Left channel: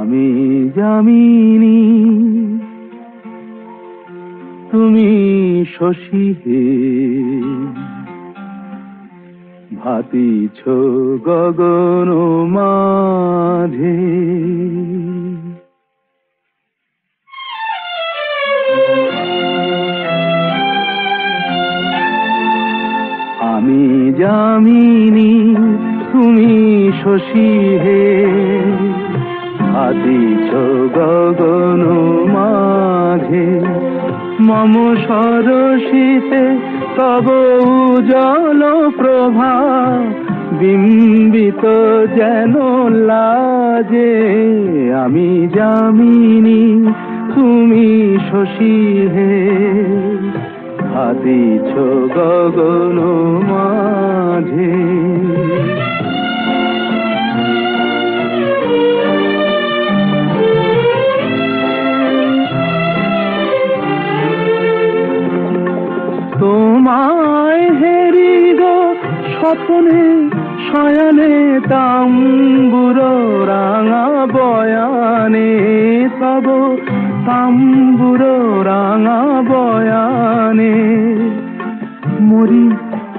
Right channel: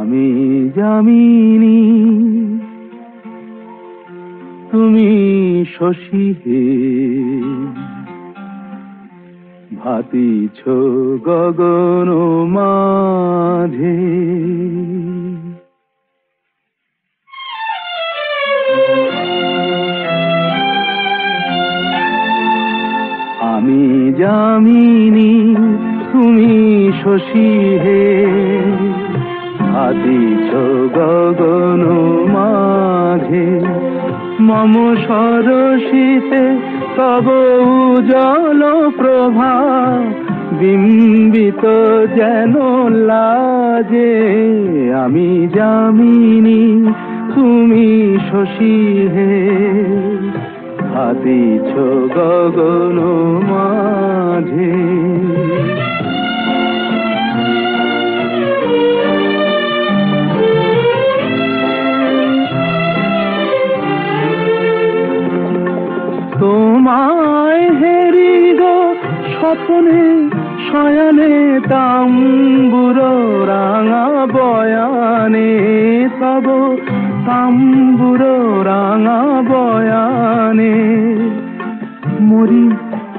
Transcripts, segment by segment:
আমি যামিনী তুমি শশী হে, ভাতিছ গগন মাঝে। আমি যামিনী তুমি শশী হে, ভাতিছ গগন মাঝে। মম সরসিতে তব উজ্জ্বল প্রভা, বিম্বিত যেন লাজে। আমি যামিনী তুমি শশী হে, ভাতিছ গগন মাঝে। তোমায় হেরি গো স্বপ্নে শয়নে, তাম্বুর রাঙা বয়ানে তব তাম্বুর রাঙা বয়ানে। মরি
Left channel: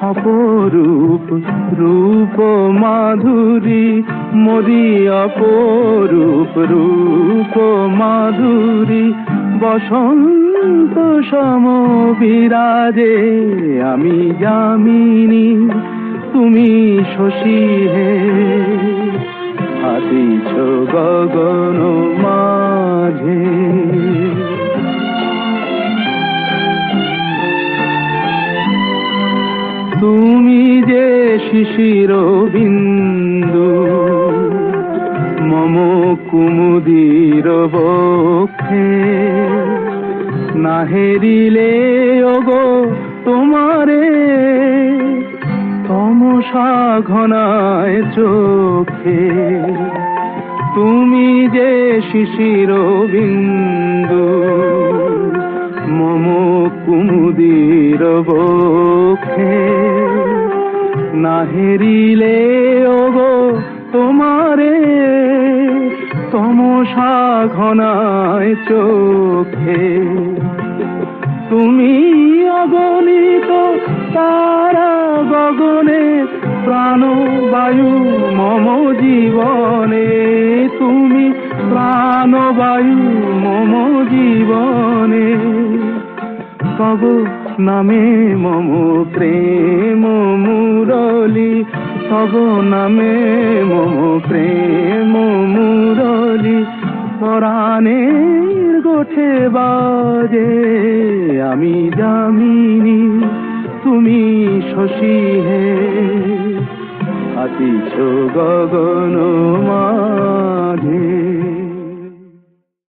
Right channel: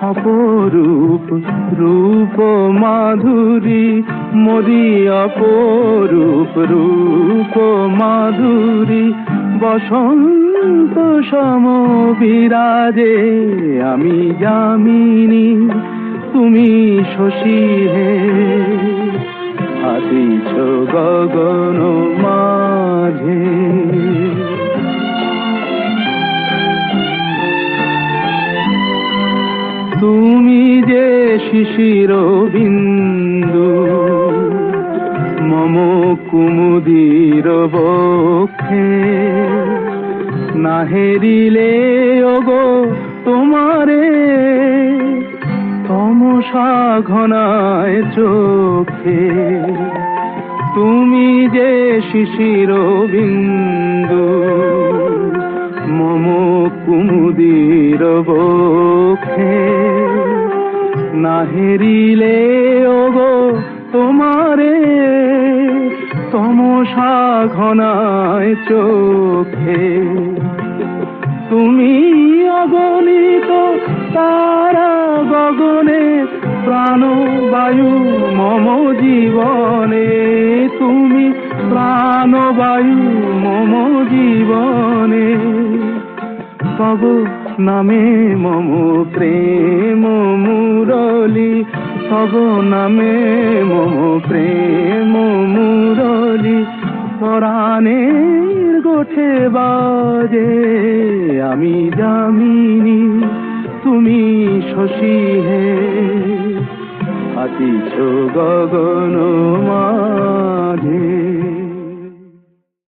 অপরূপ রূপ মাধুরী, মরি অপরূপ রূপ মাধুরী। বসন্ত সম বিরাজে, আমি যামিনী তুমি শশী হে, ভাতিছ গগন মাঝে। তুমি যে শিশির বিন্দু মম কুমুদির বক্ষে, না হেরিলে ওগো তোমারে তমসা ঘনায় চোখে। তুমি যে শিশির বিন্দু মম কুমুদির বক্ষে, না হেরিলে ওগো তোমারে তমসা ঘনায় চোখে। তুমি অগণিত তারা গগনে, প্রাণবায়ু মম জীবনে। তুমি প্রাণবায়ু মম জীবনে। তব নামে মম প্রেম মুরলী, তব নামে মম প্রেম মুরলী। পরাণে গোছে বাজে, আমি যামিনী তুমি শশী হে, ভাতিছ গগন মাঝে।